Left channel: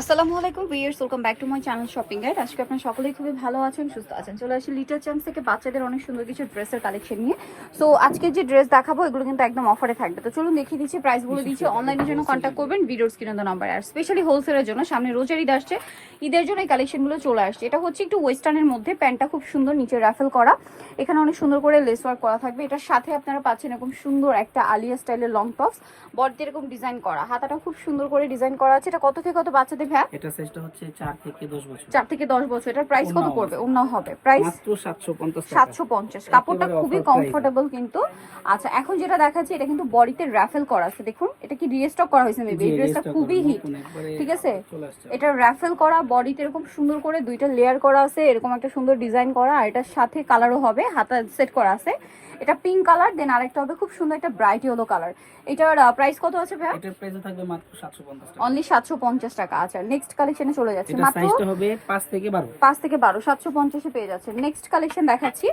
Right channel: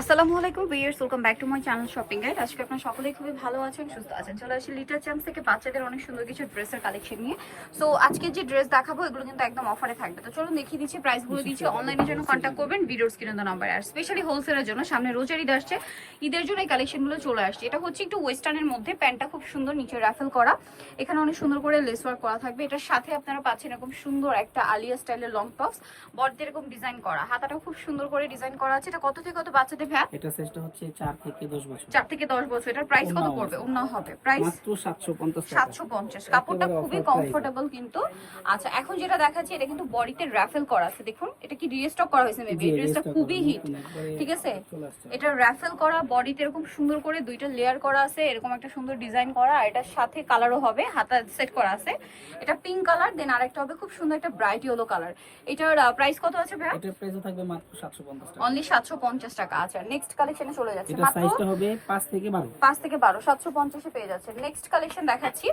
আসসালামু আলাইকুম viewers, welcome back to my channel shopping guide. আজকে আপনারা সকলেই খুবই ভালো আছেন, সুস্থ আছেন। চলে আসি লিটার চ্যাম্পস থেকে বাচ্চাদের অনেক সুন্দর কিছু ড্রেসের কালেকশন নিয়ে। সো আজকে যে ড্রেস দেখাবো এগুলো কিন্তু একদম অফারে থাকবে। তো চলুন দেখিয়ে দিচ্ছি, প্রাইস বলে দিচ্ছি। অনলাইনের জন্য কন্ট্যাক্ট করবেন ভিডিওর স্ক্রিনে নাম্বার। আর স্পেশালি হোলসেলের জন্য সামনে রোজার ঈদ আসছে, ঈদের জন্য এই কালেকশনগুলো চলে আসছে। এটা হচ্ছে একটু ওয়েস্টার্নের মধ্যে, প্যান্টটা খুব সুন্দর, নিচে রাফেল করা, এখানে অনেক সুন্দর করে লেস ওয়ার্ক করা থাকবে। এটার সাথে আপনারা পাচ্ছেন এরকম সুন্দর একটা আলিয়া স্টাইলের লং টপস, বডিতে এরকম ডিজাইন করা, হাতাটা খুব সুন্দর করে ডিজাইন করা আছে। এটা কত থেকে কত বাচ্চাদের ভ্যা? এটা সাইজটা হচ্ছে 4 থেকে 10 বছর। 4 থেকে 10 বছর। এটার প্রাইস কত পড়বে? ওন্না হবে প্রাইস মাত্র 750 টাকা। 750। কাপড়টা খুবই কমফোর্টেবল কিন্তু। আচ্ছা, এখন যেটা দেখাচ্ছি এটা কিন্তু বডিতে রাফেল করা আছে, দেখুন এটা কি রিস্টক করা হয়েছে মেবি। এই ড্রেসটা খুবই হিট, ঠিক আছে। এটা রাফেল করা, বডিতে এরকম সুন্দর করে দুইটা লেয়ার করা আছে, এরকম একটা সুন্দর ডিজাইন করা, আর এটার সাথে কালারও হবে, হাতা সেট করা আছে। এটা পিঙ্ক কালার, দেন আরেকটা হবে খুব সুন্দর একটা ব্রাইট ইয়েলো কালার। এটার প্রাইস কত আছে ভাই? এটার প্রাইস থাকবে মাত্র 750 টাকা। অনলি 750 টাকা। আচ্ছা, নেক্সট কালেকশনে চলে যাচ্ছে। এটা সাইজটা হবে 5 থেকে 12। 5 থেকে 12, 750 এ পেয়ে যাচ্ছে। নেক্সট কালেকশন দেখাচ্ছি।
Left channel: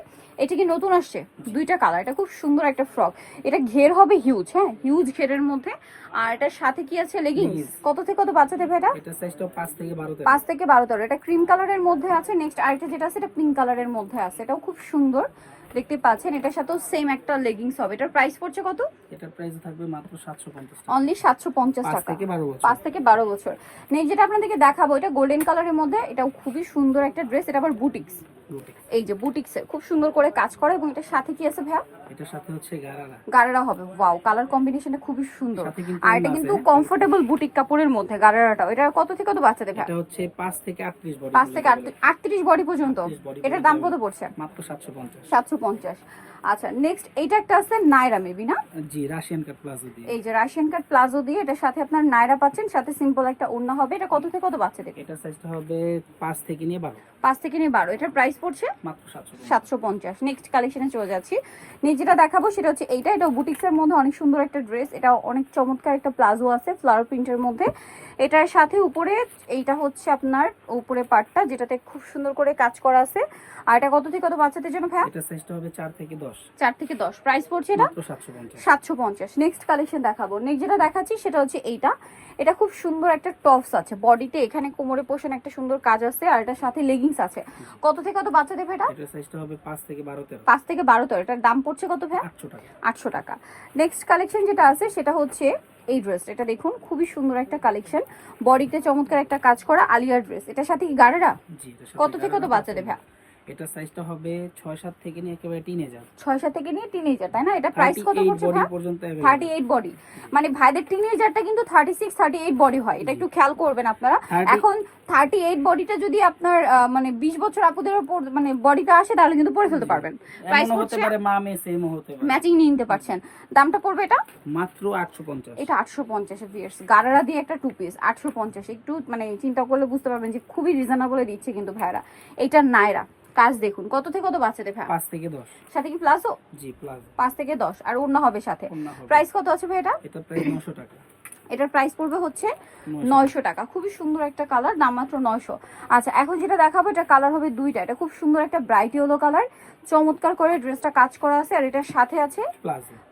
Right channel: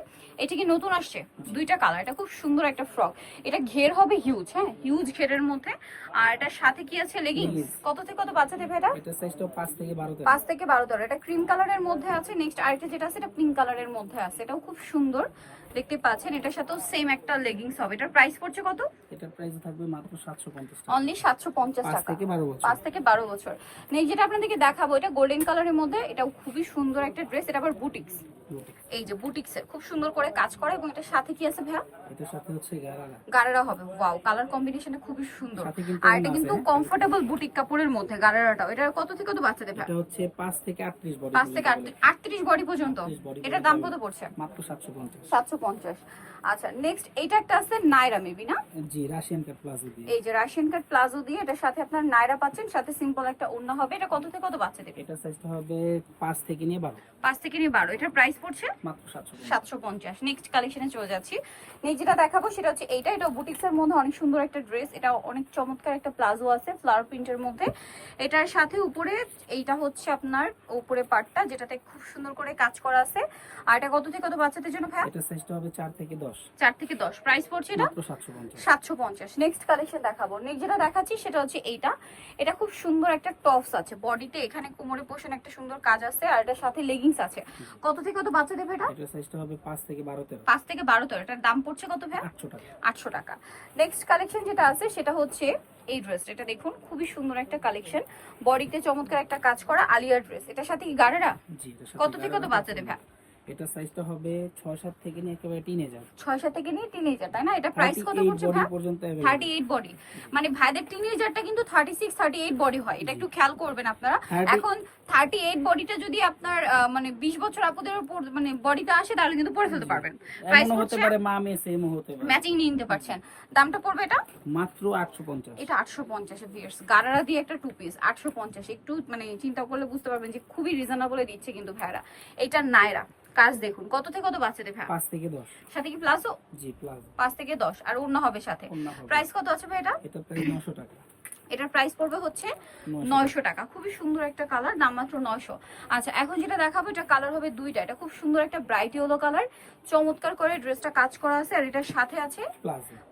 এটা কি নতুন আসছে, দুইটা কালার। এটা খুব সুন্দর একটা ফ্রক, এটা ঘের হবে হিউজ, হ্যাঁ হিউজ ঘেরের মধ্যে। আর এটার সাথে কি আছে? লেগিংস। কত থেকে কত বাচ্চাদের ভাই এটা? এটা সাইজটা 5 থেকে 12 তে। 5 থেকে 12 তর। এটা ক্রিম কালারের মধ্যে আছে। নেক্সট আরেকটা যেটা আছে এটা পিঙ্ক কালারের মধ্যে আছে, এটাও খুব সুন্দর দেখতে পাচ্ছেন। এটার সাথেও সেম একটা লেগিংস হবে। এটার প্রাইস পড়ছে কত? এটার প্রাইস থাকবে মাত্র 750 টাকা। অনলি 750 টাকা। 5 থেকে 12 বছর। 5 থেকে 12 বছর। নেক্সট যেটা আপনাদেরকে দেখাবো এটা গোল্ডেন কালারের মধ্যে, এটাও খুবই সুন্দর একটা ড্রেস। এটা আবার বুটিক্স, এই যে বুটিক্সের খুব সুন্দর করে কাজ করে। এবং এটার সাথে কি আছে ভাইয়া? এটার সাথে হচ্ছে গারারা হবে। ওয়াও, কালার কম্বিনেশনটা খুবই সুন্দর। সাথে কিন্তু আর এটা কিন্তু কমফোর্টেবল বুটিক কাপড়ের মধ্যে গারারাটাও। এটা কত থেকে কত বাচ্চাদের ভাইয়া? এটা হচ্ছে 5 থেকে 38 বডি। 5 থেকে 38 বডি পর্যন্ত। এটার দাম কত পড়ছে? মাত্র 750। 750। আচ্ছা, নেক্সট এইটা একটা আছে নাইরা মেবি না? জি, রাশিয়ান কাট প্লাজো দিয়ে। এই যে রাশিয়ান কাট প্লাজো দিয়ে, এটার সাথে আপনার নাইরা পাচ্ছেন, সাথে সিম্পল একটা ওড়না হবে। এটা কত থেকে কত বাচ্চাদের? এটা সাইজটা হবে 5 থেকে নিয়ে 12। 5 থেকে নিয়ে 12। এটার প্রাইস পড়ছে মাত্র 750। নেক্সট কালেকশনে চলে যাচ্ছি। যেটা দেখাবো সেটা হচ্ছে এইটা। এটা বুটিক্সের মধ্যে অনেক সুন্দর একটা ড্রেস। এটা অনেক চমৎকার একটা প্লাজো আছে ফ্লাওয়ার প্রিন্টের মধ্যে। এটার সাথে উপরে এইটা হচ্ছে আপনার উপরে পার্টটা, যেটাতে খুব সুন্দর করে কাজ করা আছে। আর এটা কত থেকে কত বাচ্চাদের জন্য ভাই? এটা সাইজটা হবে 4 থেকে 10। 4 থেকে 10। প্রাইস পড়ছে এটা মাত্র 750। 750। নেক্সট কালেকশন দেখাবো। নেক্সট যেটা দেখাচ্ছি সেটা হচ্ছে এইটা। এটা খুব সুন্দর একটা টপস আছে, বডিতে এখানে কোমরে পোষণ একটা সুন্দর কাজ আছে, আর এটার সাথে লেগিংস আছে। কত থেকে কত বাচ্চাদের ভাই এটা? এটা সাইজটা হবে 5 থেকে 12 তে। 5 থেকে 12 তর। এটার দাম পড়ছে কত ভাই? 800 টাকা। 800 টাকা। নেক্সট কালেকশন যেটা আছে সেটা হচ্ছে এই ড্রেস। এটা দেখুন খুবই সুন্দর একটা কালেকশন, বডিতে চমৎকার একটা কাজ করা আলিয়ার ড্রেস। এটার সাথে কি গাড়েরা? জি, এটা কত থেকে কত বাচ্চাদের ভাই? এটা সাইজটা হবে 6-7 থেকে নিয়ে একেবারে টিনেজার। 6-7 থেকে নিয়ে টিনেজার, তাই না? এটা প্রাইস কত পড়ছে বডি ভাই? পর্যন্ত 38 বডি। মানে ভাইদের টিনেজারটা কিন্তু 36-38 বডি হয়, এটা একটু খেয়াল করবেন আপনারা। এখন 38 বডিটা যদি আপনার মানে 20 বছর আপুদের উপর মানে বডিটা আসে, তাহলে কিন্তু পরে ফেলতে পারবেন। প্রাইস হতে পারে মা মেয়ে সেম হতে পারে, ম্যাচিং নিয়ে নিতে পারছেন। দামটা পড়বে এটা মাত্র 850। এটা 850 ভিউয়ার্স, গারারা দিয়ে একটা টু পিস 850। একটু মানে চিন্তা করলে বুঝতে পারবেন যে খুবই রিজনেবলে দিচ্ছে কিন্তু ভাইরা। এটা নাইরা কাজ দেখুন। কত থেকে কত বাচ্চাদের ভাই? 5 থেকে 10। সাথে কি প্লাসও? জি, প্লাস। 5 থেকে 10। আর অন্য হবে সাথে। প্রাইস কত আছে ভাই এটা? এটা প্রাইস 900 টাকা। এটার প্রাইস পড়বে হচ্ছে 900 টাকা। খুবই সুন্দর একটা কালার, দাম মাত্র 900। আচ্ছা, এখন যেটা দেখাবো এটা কালার হবে দুইটা। এটা খুব সুন্দর একটা ব্রাইট ইয়েলো কালার, চমৎকার করে ড্রেসটা কাজ করা আছে। আর এটার সাথে আছে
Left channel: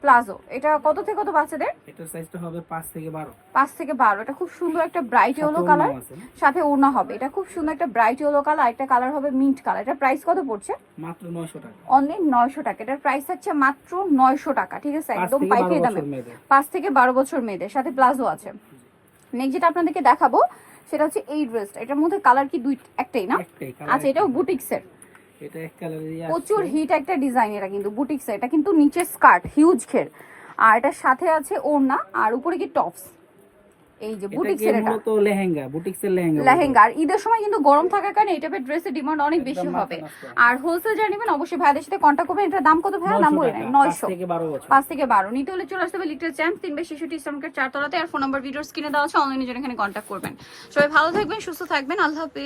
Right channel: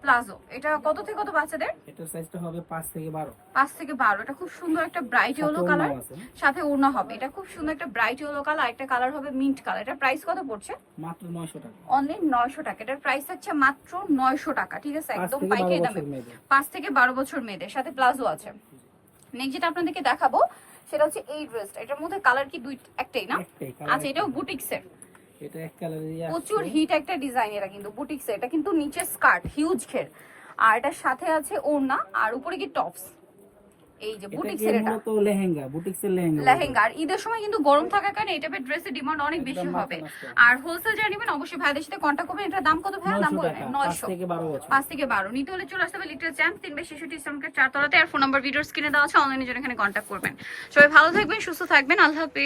প্লাজো। এটা কত থেকে কত বাচ্চাদের? এটার সাইজটা হবে 5 থেকে 12। 5 থেকে 12। এটা খুব সুন্দর একটা ব্রাইট ইয়েলো কালার, সাথে ওড়না হবে। এটা খুব সুন্দর একটা ব্রাইট ইয়েলো কালার, একটা কালার হবে মিন্ট কালার। এটার প্রাইস কত পড়ছে? মাত্র 900 টাকা। অনলি 900 টাকা। এটার প্রাইস হচ্ছে মাত্র 900 টাকা, ঠিক আছে, একদম পাইকারি দামে। 5 থেকে 12 বছর মেয়েদের, সাথে প্লাজো আছে। নেক্সট যেটা আপনাদেরকে দেখাবো সেটা হচ্ছে এই ড্রেসটা। এটার মধ্যে কালার কি একটাই না? আচ্ছা, এটাও বুটিক্সের। এটা এক কালারেরই আছে, প্রচুর হিট একটা ডিজাইন। এটা কিন্তু বুটিক্সের। এটা কিন্তু নিচে স্কার্ট হিউজ ঘের, আর এটার সাথে আছে ওড়না, আর উপরে কি টপস। এই যে বুটিক্সের, এটা মূলত লেহেঙ্গা, বুটিক্সের লেহেঙ্গা। আর ঈদের সময় কিন্তু গরম থাকার কারণে এই টাইপের ড্রেসের ডিমান্ড অনেক বেশি হবে। আর হোলসেল যারা নেবেন অবশ্যই ভাইদের সাথে কন্ট্যাক্ট করবেন। এটার দাম কত ভাই? দাম বলে 900। 5 থেকে 12 নিতে হলে চলে আসতে হবে লিটল চ্যাম্পস 3/66 ইসলামকের 4 তলাতে। আর ফোন নাম্বার ভিডিওর স্ক্রিনে দেওয়া আছে, অনলাইনে জন্য এখানে কন্ট্যাক্ট করবেন। সবাই ভালো থাকবেন, সুস্থ থাকবেন, আল্লাহ হাফেজ।